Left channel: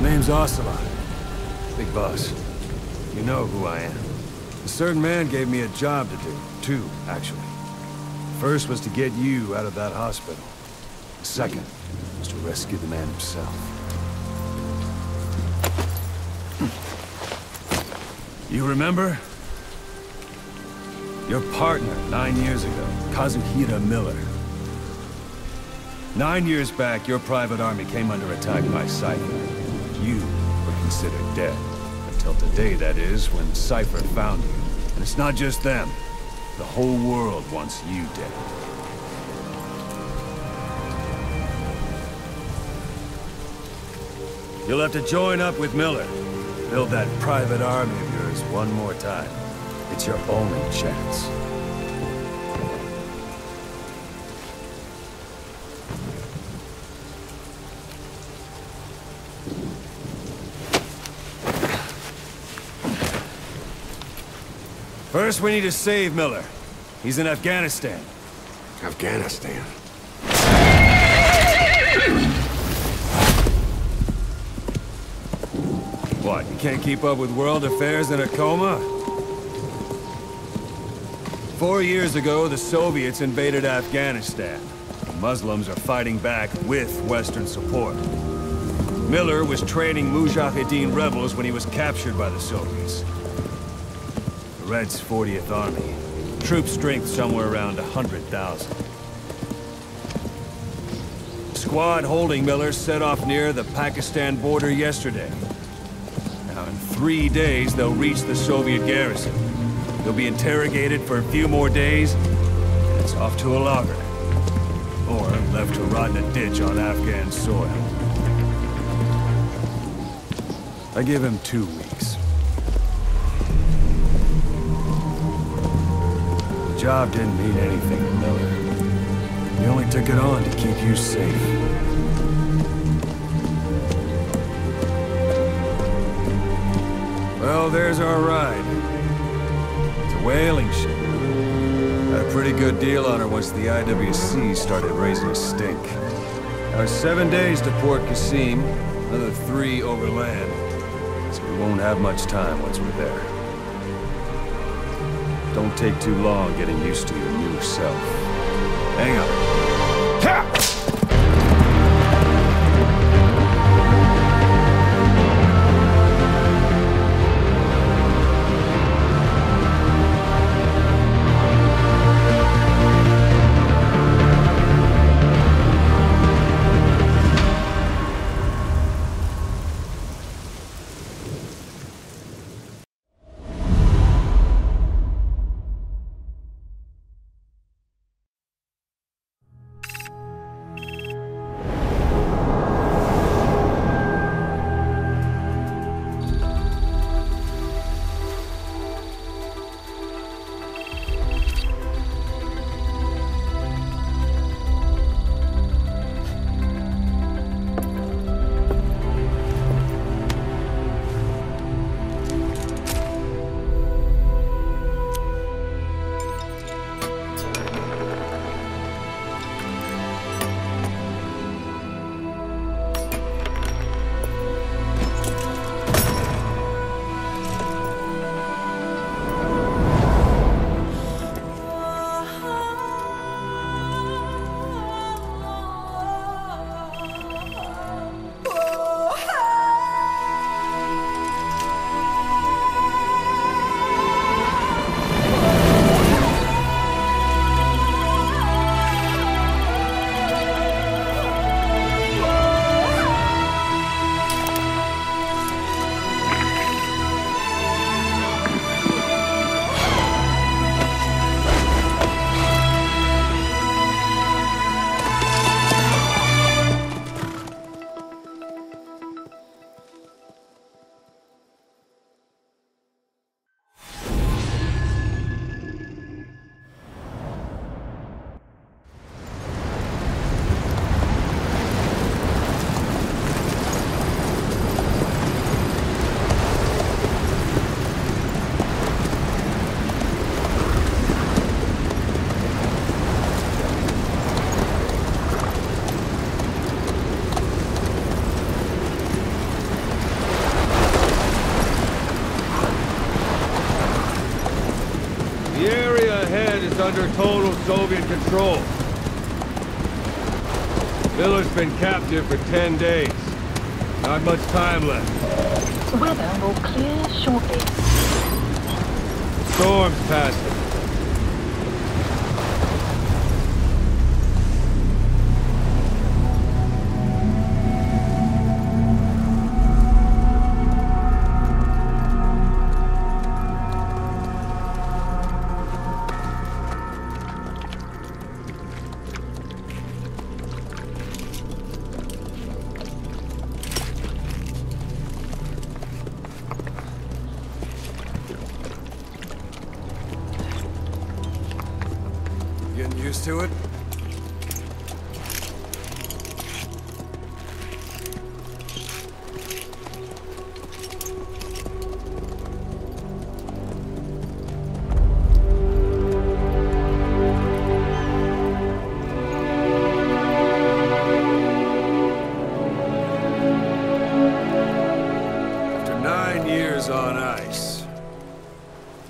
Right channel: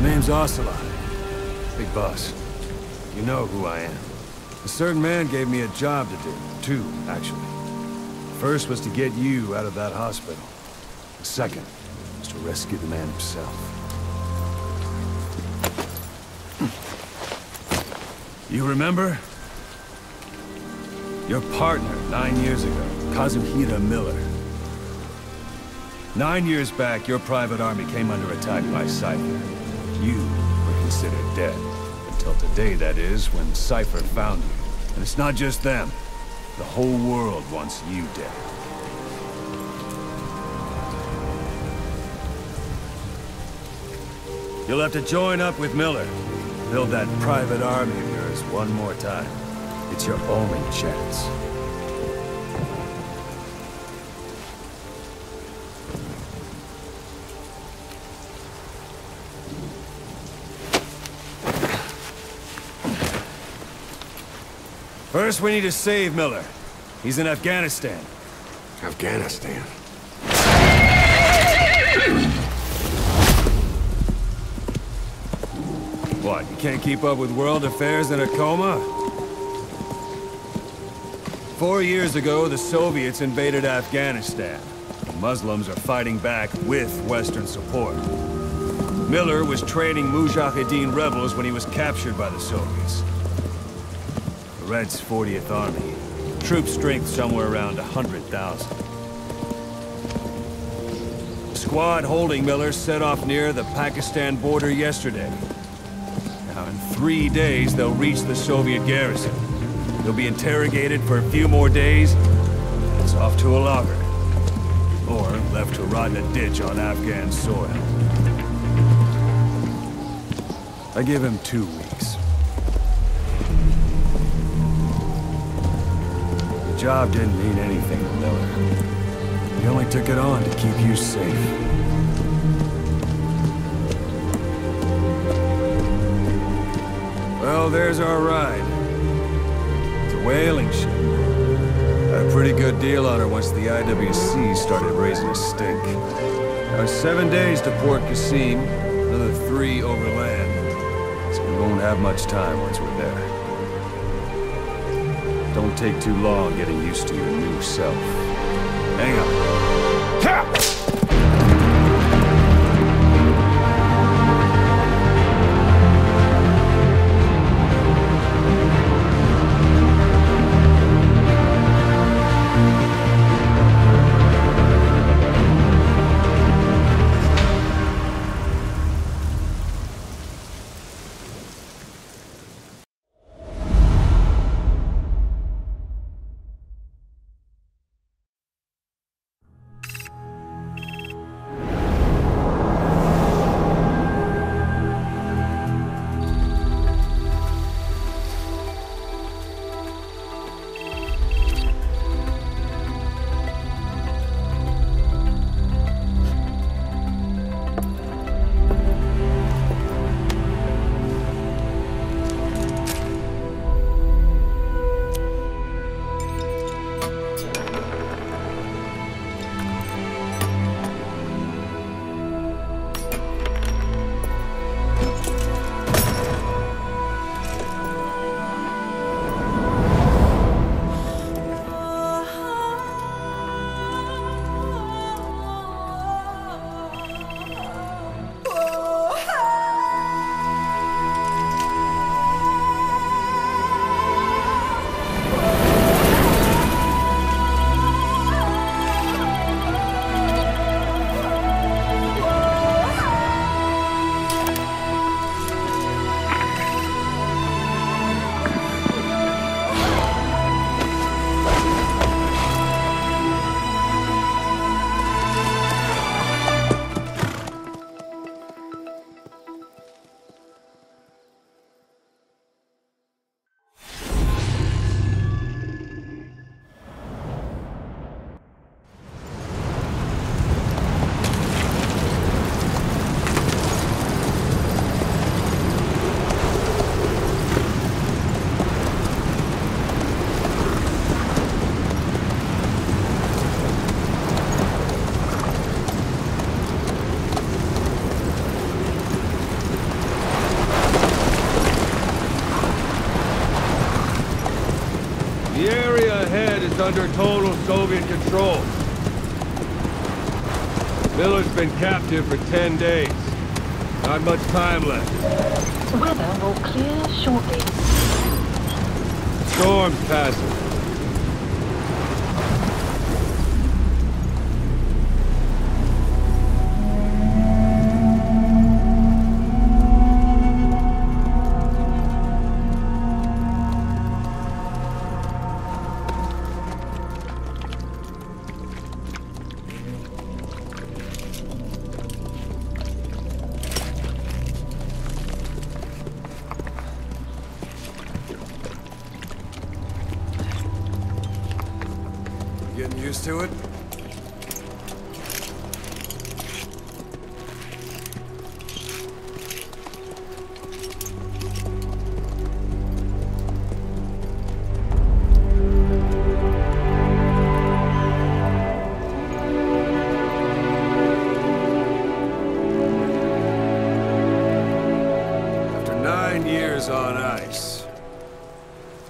Name's Ocelot. Big boss. You know who I am. A certain man gave me a job to do. Two, actually. First was to get you out of that hospital. The second was to rescue the man himself. You remember? Your partner 9 years ago, Kazuhira Miller. 9 years back, your private army came under attack by Cypher. You were considered dead. Until today, that is, when Cypher found you. And it's not just them. The whole world wants you dead. You'll have to join up with Miller. Build that private army of yours one more time. It's your only chance. First, we need to save Miller. He's in Afghanistan. Afghanistan? What, you can't keep up with world affairs in a coma? 4 years ago, the Soviets invaded Afghanistan. The Muslims are fighting back with Western support. Miller was training Mujahideen rebels when he was captured by the Soviets. The Red's 40th Army. Troop strength somewhere around 100,000. The squad holding Miller set off near the Pakistan border yesterday. Now, in 3 days, they'll reach the Soviet garrison. They'll be interrogated for a few more days, and it's off to a lager. Or left to rot in a ditch on Afghan soil. I give him 2 weeks. The job didn't mean anything to Miller. He only took it on to keep you safe. Well, there's our ride. It's a whaling ship. Had a pretty good deal on her once the IWC started raising a stink. Now it's 7 days to Port Qasim, another 3 overland. So we won't have much time once we're there. Don't take too long getting used to your new self. Hang on. Ha! under total Soviet control. Miller's been captive for 10 days. Not much time left. Weather will clear shortly. Storm's passing. Getting used to it? After 9 years on ice,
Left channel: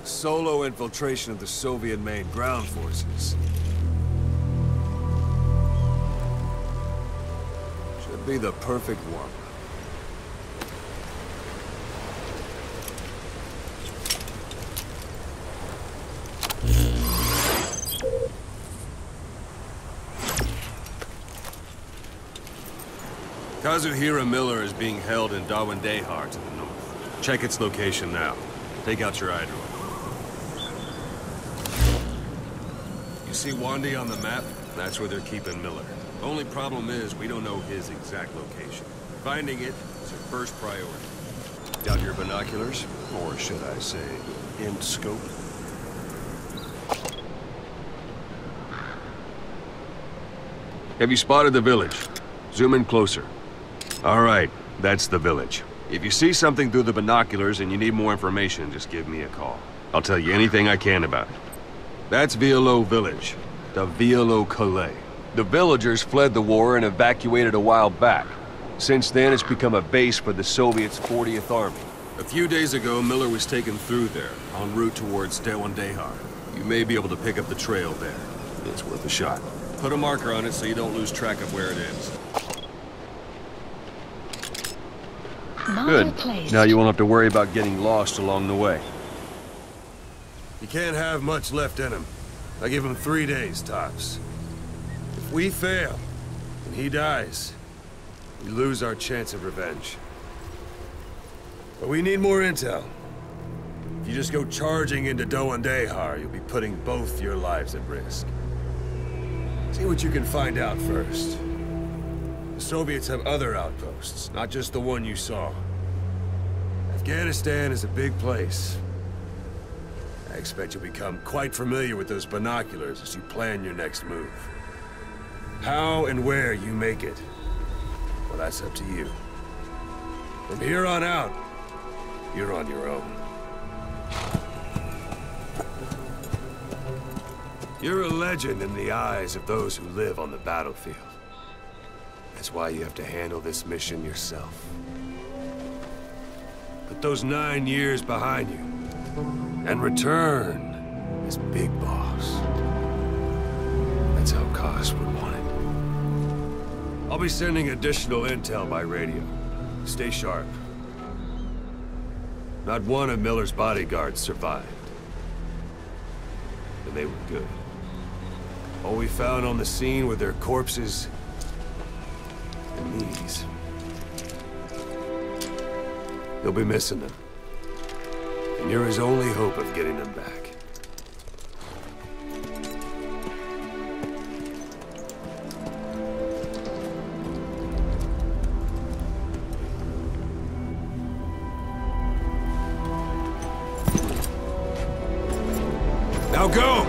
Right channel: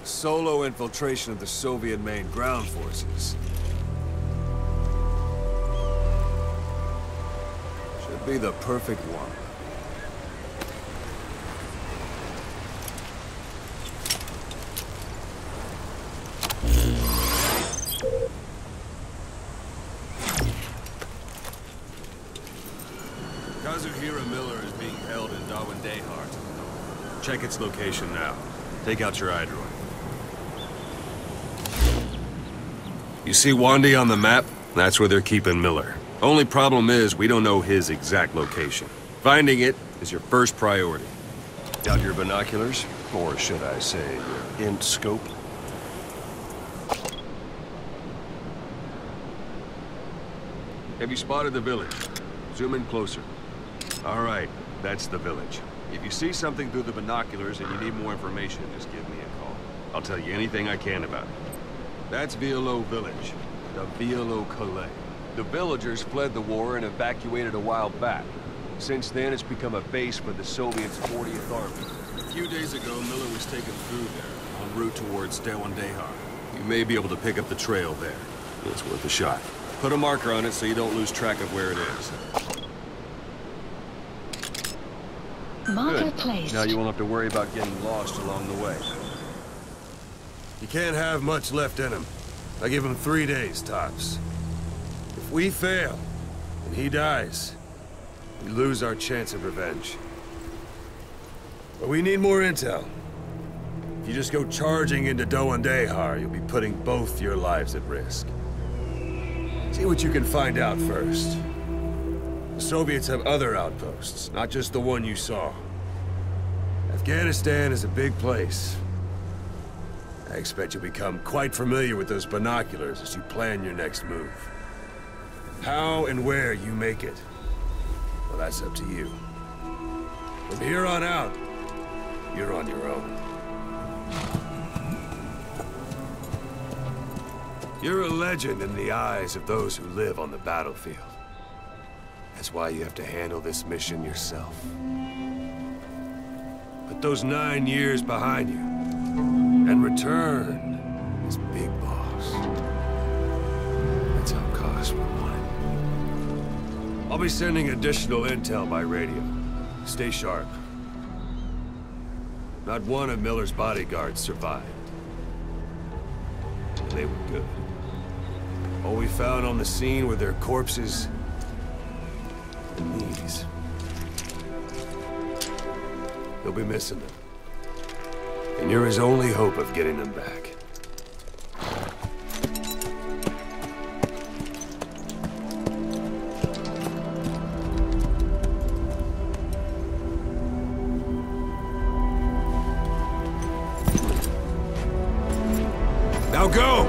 solo infiltration of the Soviet main ground forces should be the perfect one. Kazuhira Miller is being held in Dawandehar to the north. Check its location now. Take out your iDroid. You see Wandy on the map? That's where they're keeping Miller. Only problem is, we don't know his exact location. Finding it is your first priority. Got your binoculars? Or should I say, int scope? Have you spotted the village? Zoom in closer. All right, that's the village. If you see something through the binoculars and you need more information, just give me a call. I'll tell you anything I can about it. That's Violo Village, the Violo Calais. The villagers fled the war and evacuated a while back. Since then, it's become a base for the Soviets' 40th Army. A few days ago, Miller was taken through there, en route towards Dawandehar. You may be able to pick up the trail there. It's worth a shot. Put a marker on it so you don't lose track of where it is. Good. Now you won't have to worry about getting lost along the way. He can't have much left in him. I give him 3 days, tops. If we fail, and he dies, we lose our chance of revenge. But we need more intel. If you just go charging into Dawandehar, you'll be putting both your lives at risk. See what you can find out first. The Soviets have other outposts, not just the one you saw. Afghanistan is a big place. I expect you'll become quite familiar with those binoculars as you plan your next move. How and where you make it, well, that's up to you. From here on out, you're on your own. You're a legend in the eyes of those who live on the battlefield. That's why you have to handle this mission yourself. Put those 9 years behind you, and return as Big Boss. That's how Koss would want it. I'll be sending additional intel by radio. Stay sharp. Not one of Miller's bodyguards survived. And they were good. All we found on the scene were their corpses and knees. He'll be missing them. And you're his only hope of getting them back. Now go!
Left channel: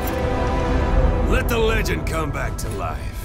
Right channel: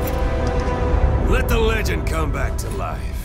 Let the legend come back to life.